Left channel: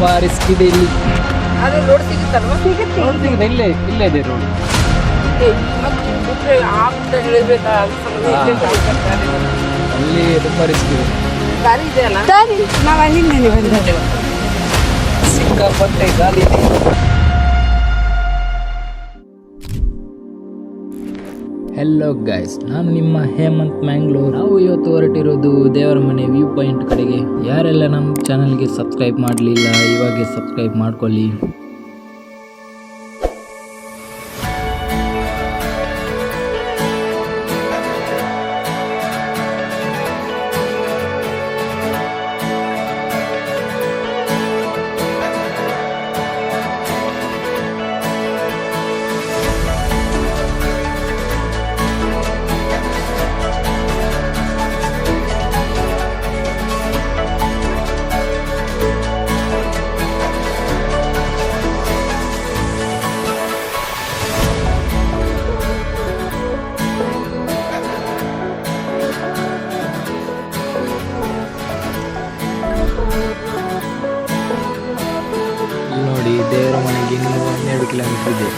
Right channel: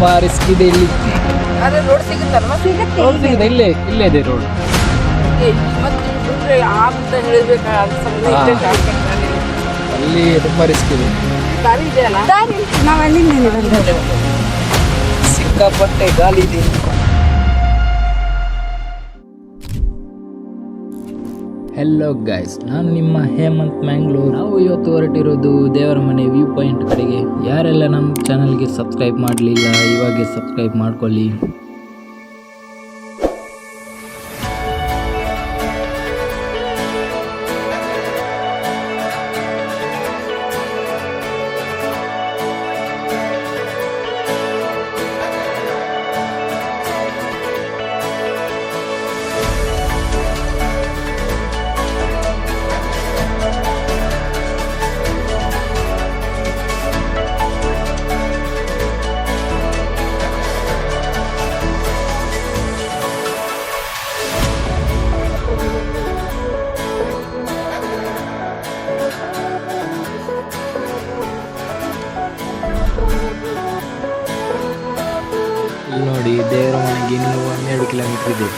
ತುಂಬಾ ರಿಸ್ಕ್ ಇದೆ ಇಲ್ಲಿ. ಆದ್ರೆ ರೋಡ್ ಸಿಗುತ್ತಲ್ವಾ? ರೋಡ್ ಸಿಗಿದೆ, ಇಲ್ಲೇ ಇದೆ ರೋಡ್. ಮತ್ತೆ ಬಿಟ್ರೆ ಅಂತ ಹೇಳ್ಬೇಕಾ ಅಲ್ಲಿ ತುಂಬಾ ರಿಸ್ಕ್ ಇದೆ. ದಾರಿ ಇದೆ ಅಲ್ಲ? ನಾವು ಅಲ್ಲಿಂದ ಸಿಕ್ಕಾಪಟ್ಟೆ ಗಾಳಿ ಇದೆ. ಹೆಲೋ ಗೈಸ್, ನಾನು ನಿಮ್ಮ ಹೇಮಂತ್ ಮ್ಯಾಂಗ್ಳೂರ್. ನಾವು ಇವತ್ತು ಹೊರಟಿರೋದು ದೇವರ ಮನೆ ವ್ಯೂ ಪಾಯಿಂಟ್ ಕಡೆಗೆ. ಯಾರೆಲ್ಲ ನಮ್ಮ ಚಾನಲ್ಗೆ ಸಬ್ಸ್ಕ್ರೈಬ್ ಮಾಡಲಿಲ್ಲ, ಇವಾಗೆ ಸಬ್ಸ್ಕ್ರೈಬ್ ಮಾಡ್ಕೊಳ್ಳಿ. ಇಲ್ಲಿ ನೋಡಿ, ದೇವರ ಮನೆಗೆ ಇನ್ನೂ 12 ಕಿಲೋಮೀಟರ್ ಇದೆ.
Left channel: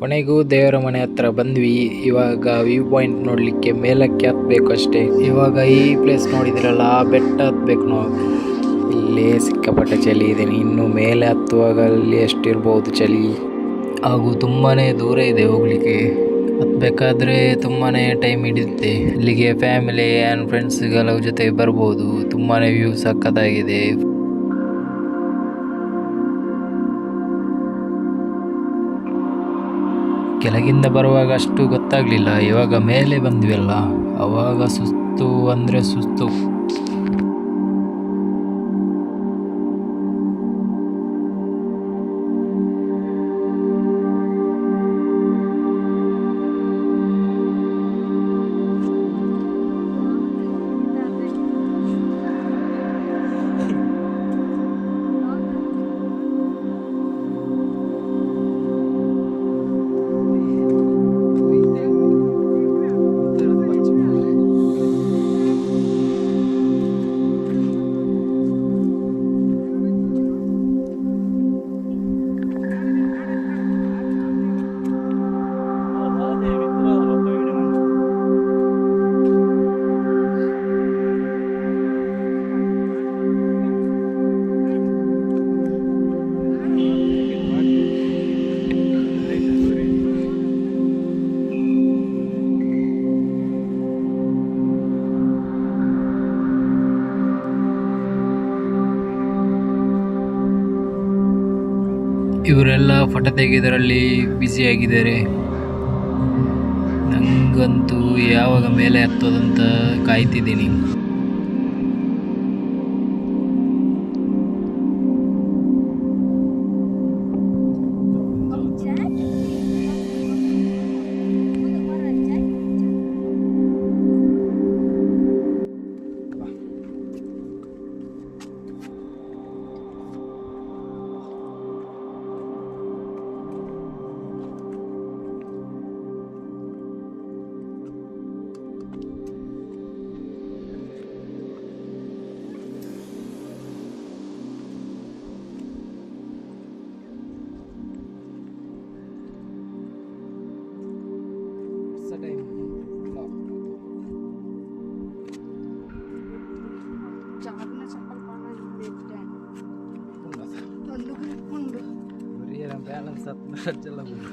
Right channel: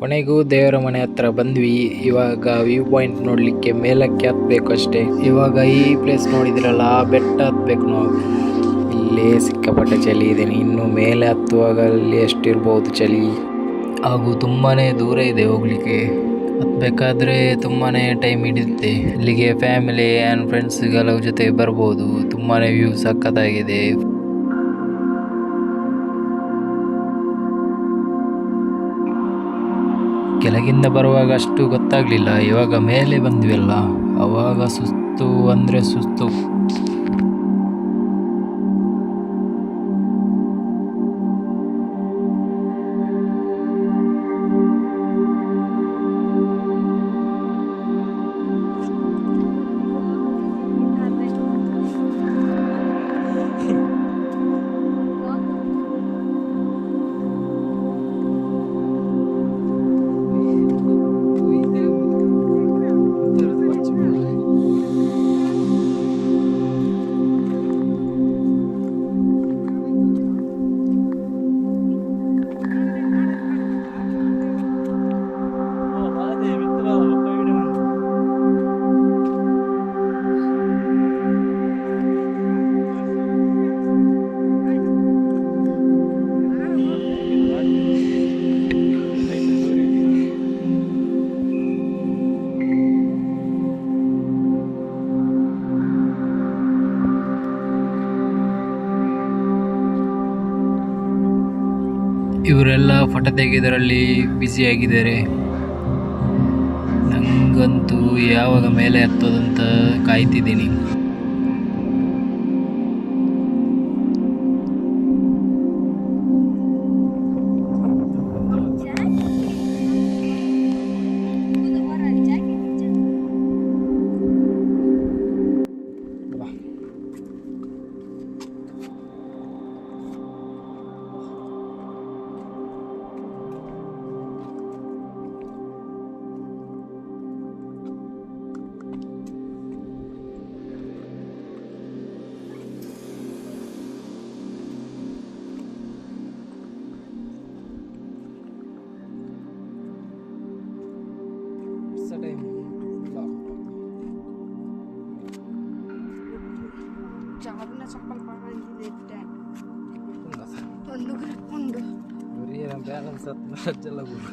ಕೊನೆಗೂ ದೇವರ ಮನೆ ಹತ್ರ ಬಂದ್ವಿ. ಇವಾಗ ವ್ಯೂ ಪಾಯಿಂಟ್ ನೋಡ್ಲಿಕ್ಕೆ ಮೇಲಕ್ಕೆ ಹತ್ಬೇಕು ಅಷ್ಟೇ. ಇವಾಗ ಈ ಪ್ಲೇಸ್ ನೋಡಿದಿರಲ್ಲ, ಆ ಬೆಟ್ಟ ಹತ್ಬೇಕು ನಾವು. ಇಲ್ಲೇ ಸಿಕ್ಕಾಪಟ್ಟೆ ಚಳಿ ಇದೆ. ಇನ್ನು ಮೇಲೆ ಹತ್ತುವಾಗ ಅಲ್ಲಿ ಎಷ್ಟಿರ್ಬೋದು ಚಳಿ. ಹಾಗೂ ತುಂಬಾ ದೂರ ಇದೆ ಹೋಗ್ಲಿಕ್ಕೆ. ಹತ್ಬೇಕಾದ್ರೆ ತುಂಬಾ ಟೈಮ್ ಹಿಡಿಯುತ್ತೆ. ಇಲ್ಲಿಗೆ ಫ್ಯಾಮಿಲಿ ಆ್ಯಂಡ್ ಫ್ರೆಂಡ್ಸ್ಗಳ ಜೊತೆ ಬರ್ಬೋದು. ತುಂಬಾ ವ್ಯೂ ಸಖತ್ತಾಗಿದೆ. ಕೆಳಗಿಂದ ಬರುವಾಗ ಅಷ್ಟು ಗೊತ್ತಾಗಲಿಲ್ಲ. ಇವಾಗ ಮೇಲೆ ಬಂದ್ವಲ್ಲ, ಅವಾಗ ಸುಸ್ತು ಅಂದರೆ ಸುಸ್ತು. ಇವರೆಲ್ಲ ಫೋಟೋ ತೆಗೆಯೋದ್ರಲ್ಲಿ ಬ್ಯುಸಿ ಆಗಿದ್ದಾರೆ. ನನಗಂತೂ ಯಾವಾಗ ಮೇಲೆ ಹತ್ತೋದಂತ ಕಾಯ್ತಿದ್ದೀನಿ. ಬ್ಯಾಲೆನ್ಸ್ ಹತ್ತಲ್ಲ ಗುರು,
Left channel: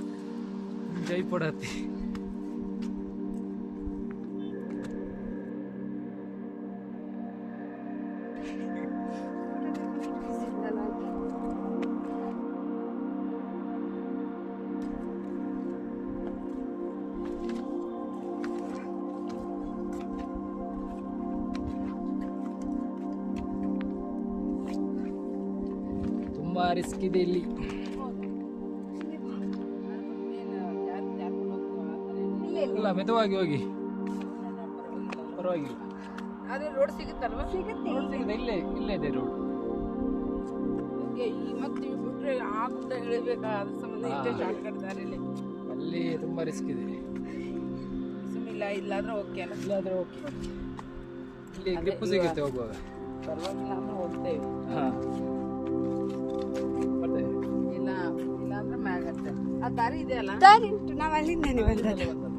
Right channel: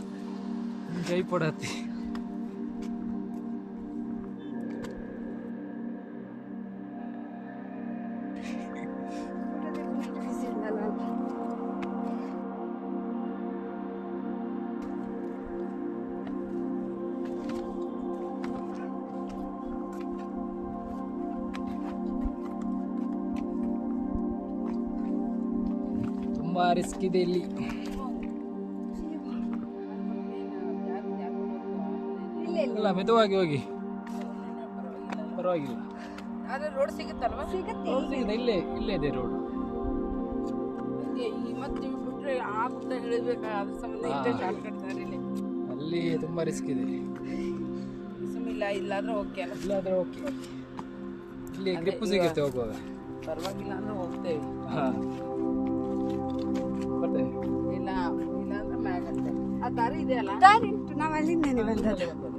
ಜೈ ಪಡತಿ. ತುಂಬಾ ರಿಸ್ಕ್ ಇದೆ ಇಲ್ಲಿ. ಇಲ್ಲ, ಮೆದುವಾಗಿ ಹೋಗಿ, ಪರವಾಗಿಲ್ಲ. ರೋಡ್ ಸಿಗುತ್ತಲ್ವಾ? ರೋಡ್ ಸಿಗಿದೆ, ಇಲ್ಲೇ ಇದೆ ರೋಡ್. ಮತ್ತೆ ಬಿಟ್ರೆ ಆ ಗುಡ್ಡ ಇಳಿಬೇಕಾ, ಅದ್ರ ಸಂಬಂಧ ಇಷ್ಟೇ ಶಾರ್ಟ್ ಕಟ್ ದಾರಿಲಿ. ಅಲ್ಲಿ ತುಂಬ ರಿಸ್ಕ್ ಇದೆ. ಸುಮ್ಮಿಲ್ಲ ಇಲ್ಲಾಂದ್ರೆ ಓಕೆ ಅಲ್ಲ. ಇಲ್ಲಾದ್ರೆ ಓಕೆ, ಇಲ್ಲಿ ಗ್ರಿಪ್ ಸಿಗುತ್ತೆ ಹೋಗುವಾಗ. ಪರವಾಗಿಲ್ಲ ಅಂದ್ರೆ ಹೋಗ್ತೇವೆ. ಹಾಂ ಬರ್ತೇವೆ. ಇಲ್ಲ ಇಲ್ಲ ಅಂದ್ರೆ ಮ್ಯಾಗತ್ತೆ. ಆ ದಾರಿ ಇದೆ ಅಲ್ಲ, ದಾರಿ ಉಂಟು, ನಾವು ಅಲ್ಲಿಂದನೇ ಬಂದದ್ದು.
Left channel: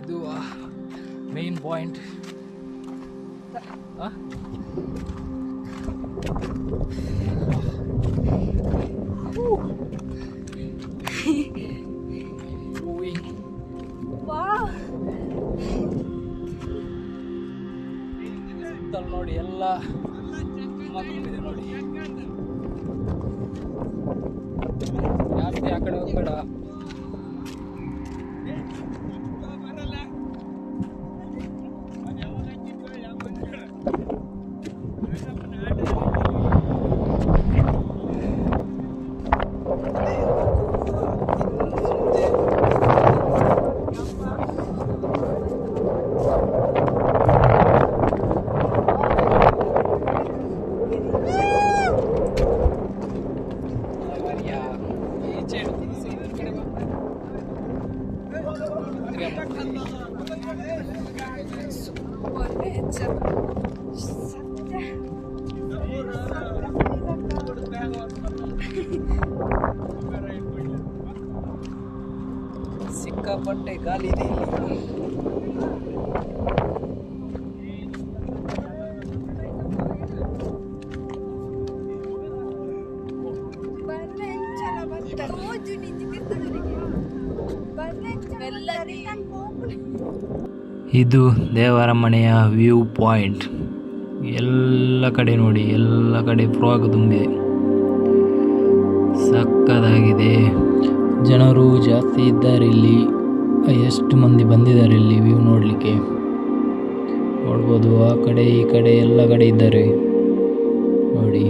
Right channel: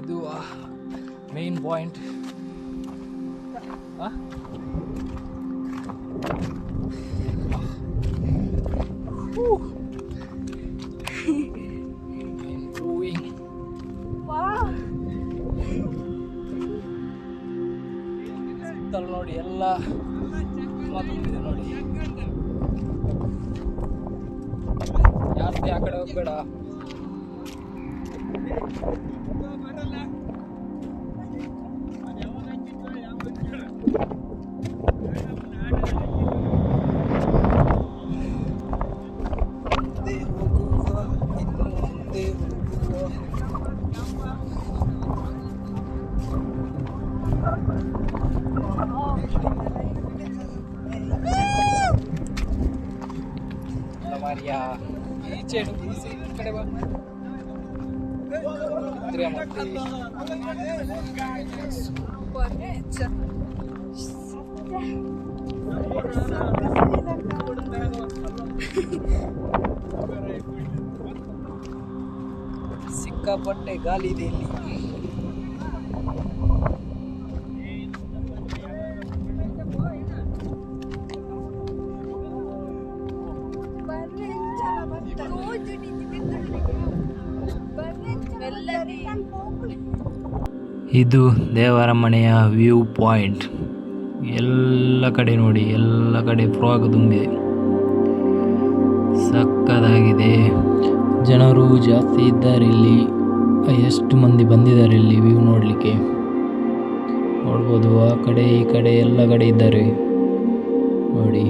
ಇದು ಮೇನ್ ಪಾಯಿಂಟ್. ಸುತ್ತಲೂ ನೋಡಿ ಎಲ್ಲ ತುಂಬಿದೆ ನೋಡಿ. ಜಾಸ್ತಿ ಆ ಕಡೆ ಹೋಗ್ಬೇಡ. ಈಚೆ ಈ ಕಡೆ ಬಾ. ಸಿಕ್ಕಾಪಟ್ಟೆ ಗಾಳಿ ಇದೆ ಇಲ್ಲಿ. ಇದು ದೇವರ ಮನೆಯ ವ್ಯೂ ಪಾಯಿಂಟ್. ಎಲ್ಲ ಕಡೆ ನೋಡಿ, ಎಲ್ಲ ಕಡೆ ಫ್ರಾಗ್ ತುಂಬಿದೆ, ಸಕ್ಕದಾಗಿದೆ. ಜನರು ಜಾಸ್ತಿ ಇದ್ದಾರೆ ಇಲ್ಲಿ. ಎಷ್ಟು ಮಂದಿ ಬಂದಿದ್ದಾರೆ ಇಲ್ಲಿ ವ್ಯೂ ನೋಡಲಿಕ್ಕೆ. ನೋಡ್ಬೋದು, ಆ ಕಡೆ ಈ ಕಡೆ ಎಲ್ಲ ಕಡೆ ಇದ್ದಾರೆ ನೋಡಿ.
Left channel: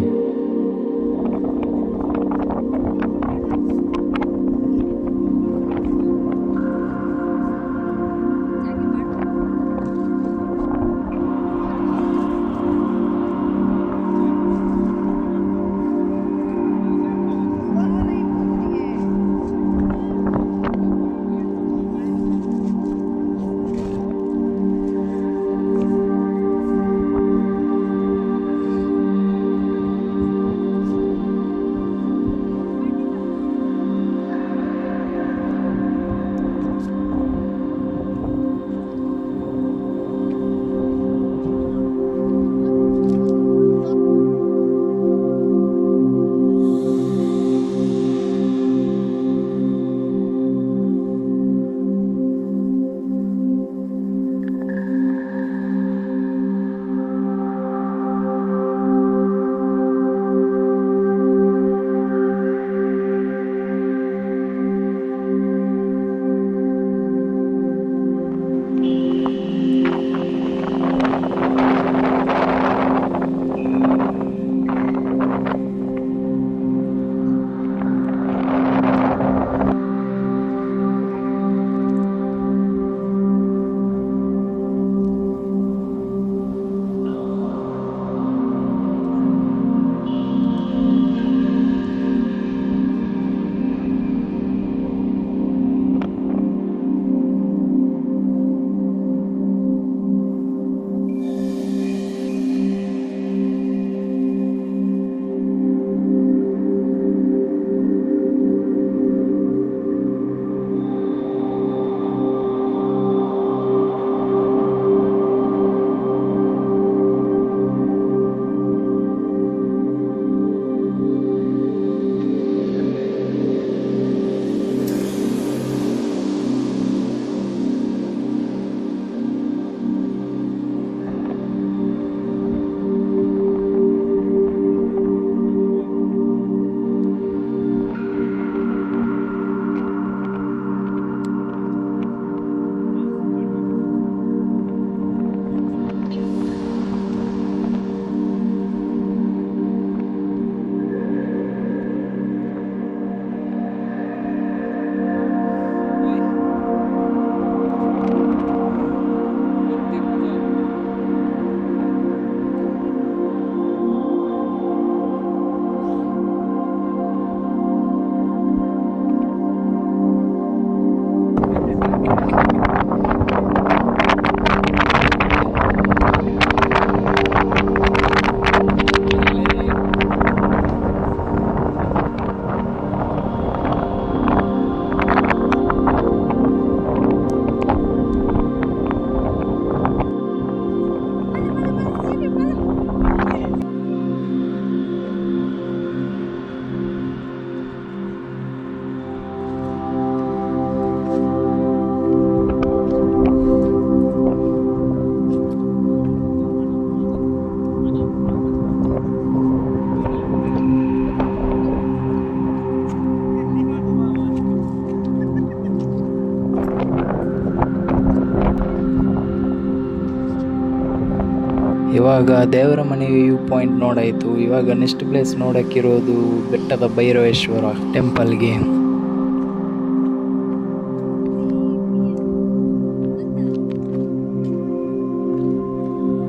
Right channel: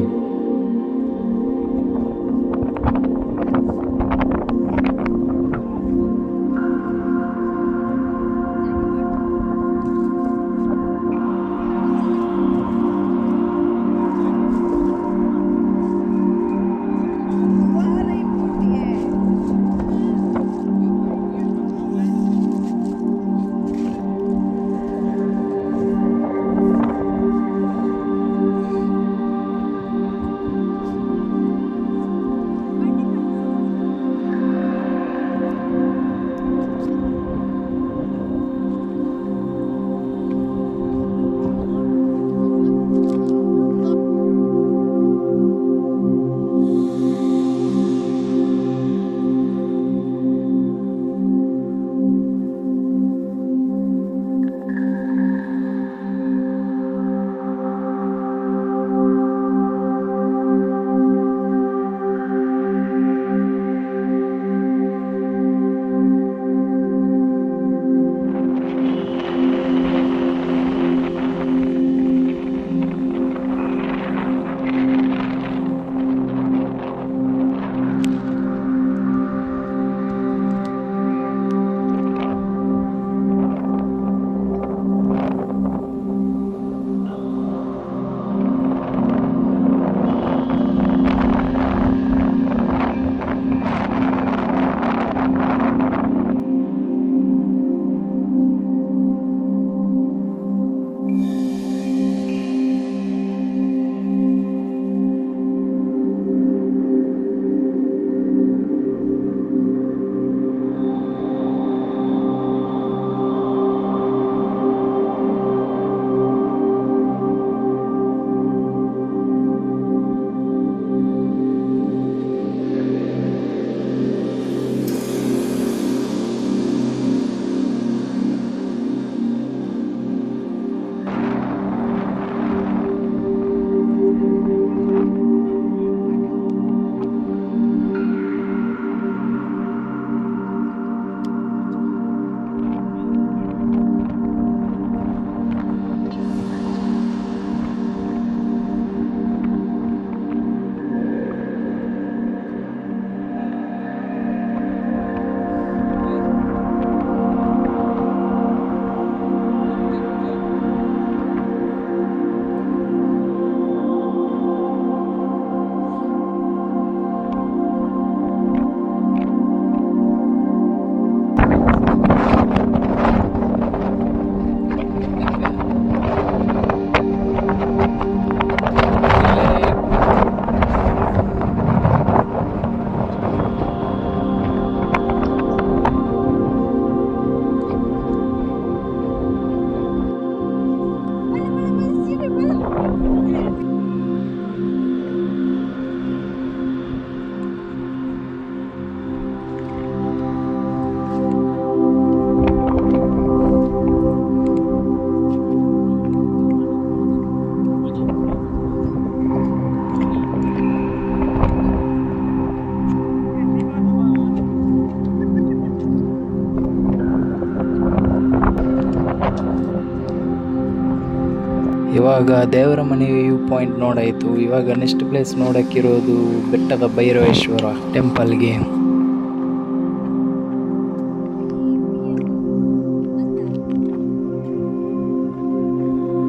ಇವಾಗ ದೇವರ ಮನೆ ವ್ಯೂ ಪಾಯಿಂಟ್ ನೋಡಾಯಿತು. ಇವಾಗ ನೆಕ್ಸ್ಟ್ ಪ್ಲೇಸ್ ನೋಡೋಕ್ಕಿರೋದು ಬೆಟ್ಟದ ಭೈರವೇಶ್ವರ ಟೆಂಪಲ್ಗೆ.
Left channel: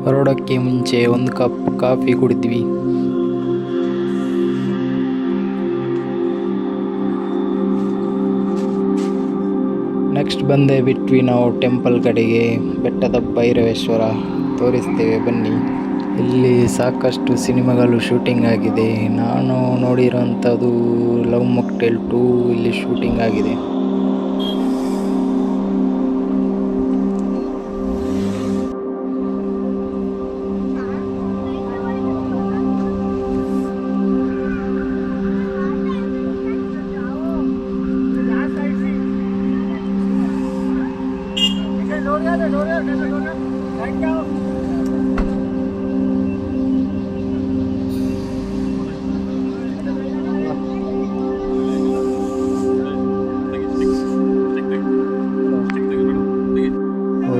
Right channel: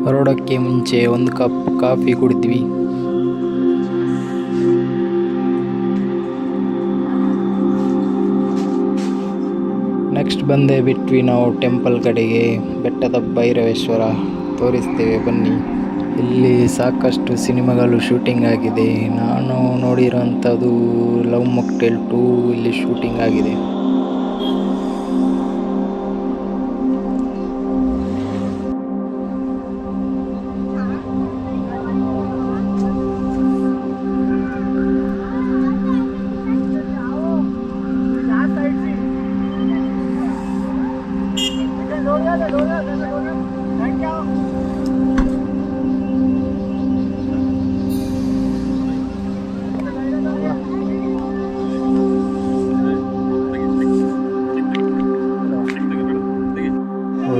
ಹೊರಡೋಕ್ಕೆ ಮುಂಚೆ ಒಂದು ಕಪ್ ಕಾಫಿ ಕುಡಿದ್ವಿ. ನೆಕ್ಸ್ಟ್ ಬಂದೇ ಬಿಟ್ವಿ ನಾವು ಟೆಂಪಲ್ ಕಡೆಗೆ. ಬೆಟ್ಟದ ಭೈರವೇಶ್ವರ ತೋರಿಸ್ತೇವೆ ಬನ್ನಿ. ಇಲ್ಲಿ ಸಾಕಷ್ಟು ಸಿನಿಮಾಗಳು ಶೂಟಿಂಗ್ ಆಗಿದೆ. ನಾನು ನೋಡಿರೋಂಥದ್ದು ಲವ್ ಮಾಕ್ಟೇಲ್ 2 ಇಲ್ಲಿ ಶೂಟಿಂಗ್ ಆಗಿದೆ.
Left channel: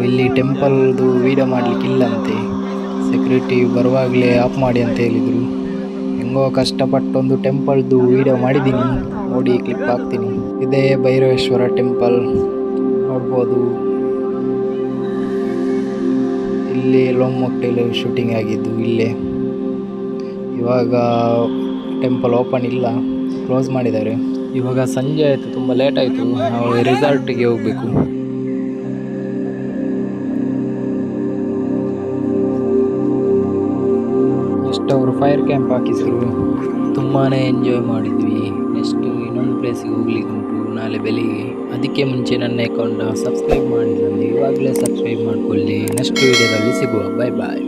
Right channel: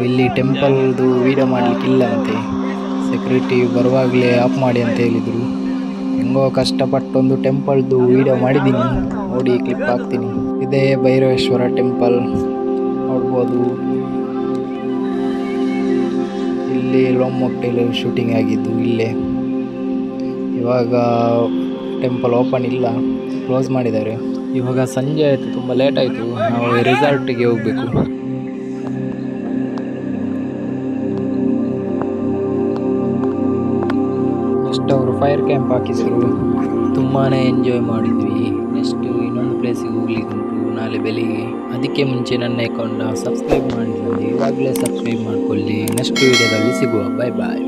ಇಲ್ಲಿ ಟೆಂಪಲ್ದು ವೀಡಿಯೋ ಮಾಡಲಿಕ್ಕಿಲ್ಲಂತೆ. ಸೆಕ್ಯೂರಿಟಿ ಬರುವಾಗಲೇ ಆಫ್ ಮಾಡಿ ಅಂತ ಹೇಳಿದರು. ಹೆಂಗೋ ಕಷ್ಟಪಟ್ಟೊಂದು ಟೆಂಪಲ್ದು ವೀಡಿಯೋ ಮಾಡಿದ್ದೀನಿ, ನೋಡಿ ಕ್ಲಿಪ್ ಹಾಕ್ತೀನಿ. ಇದೇ ಭೈರವೇಶ್ವರ ಟೆಂಪಲ್ ನೋಡ್ಬೋದು. ಇಲ್ಲಿ ಲವ್ ಮಾಕ್ಟೇಲ್ ಶೂಟಿಂಗ್ ಆಗಿದ್ದು ಇಲ್ಲೇ. ಇವಾಗ ಟೆಂಪಲ್ ಓಪನ್ ಇಲ್ಲ, ಕ್ಲೋಸ್ ಮಾಡಿದ್ದಾರೆ. ಇವಾಗ ಸಂಜೆ ಆಯಿತು, ತುಂಬ ಲೇಟ್ ಆಯಿತು. ನಾವು ರಿಸಾರ್ಟಿಗೆ ಹೋಗಬೇಕು. ನೆಕ್ಸ್ಟ್ ಅವರು ಫೈರ್ ಕ್ಯಾಂಪ್ ಹಾಕಿದ್ರು, ತುಂಬಾ ಎಂಜಾಯ್ ಮಾಡಿದ್ವಿ. ನೆಕ್ಸ್ಟ್ ಇನ್ನೊಂದು ಪ್ಲೇಸಿಗೆ ಹೋಗ್ಲಿಕ್ಕೆ ಉಂಟು ನಾಳೆ ಬೆಳಿಗ್ಗೆ. ಅದಕ್ಕೆ ಮುಂಚೆ ನನ್ನ ಅಕೌಂಟ್ನ ಸಬ್ಸ್ಕ್ರೈಬ್ ಮಾಡಿಲ್ಲ, ಇವಾಗಲೇ ಸಬ್ಸ್ಕ್ರೈಬ್ ಮಾಡ್ಕೊಳ್ಳಿ. ನೆಕ್ಸ್ಟ್ ವೀಡಿಯೋದಲ್ಲಿ ಸಿಗುವ. ಬಾಯ್ ಬಾಯ್.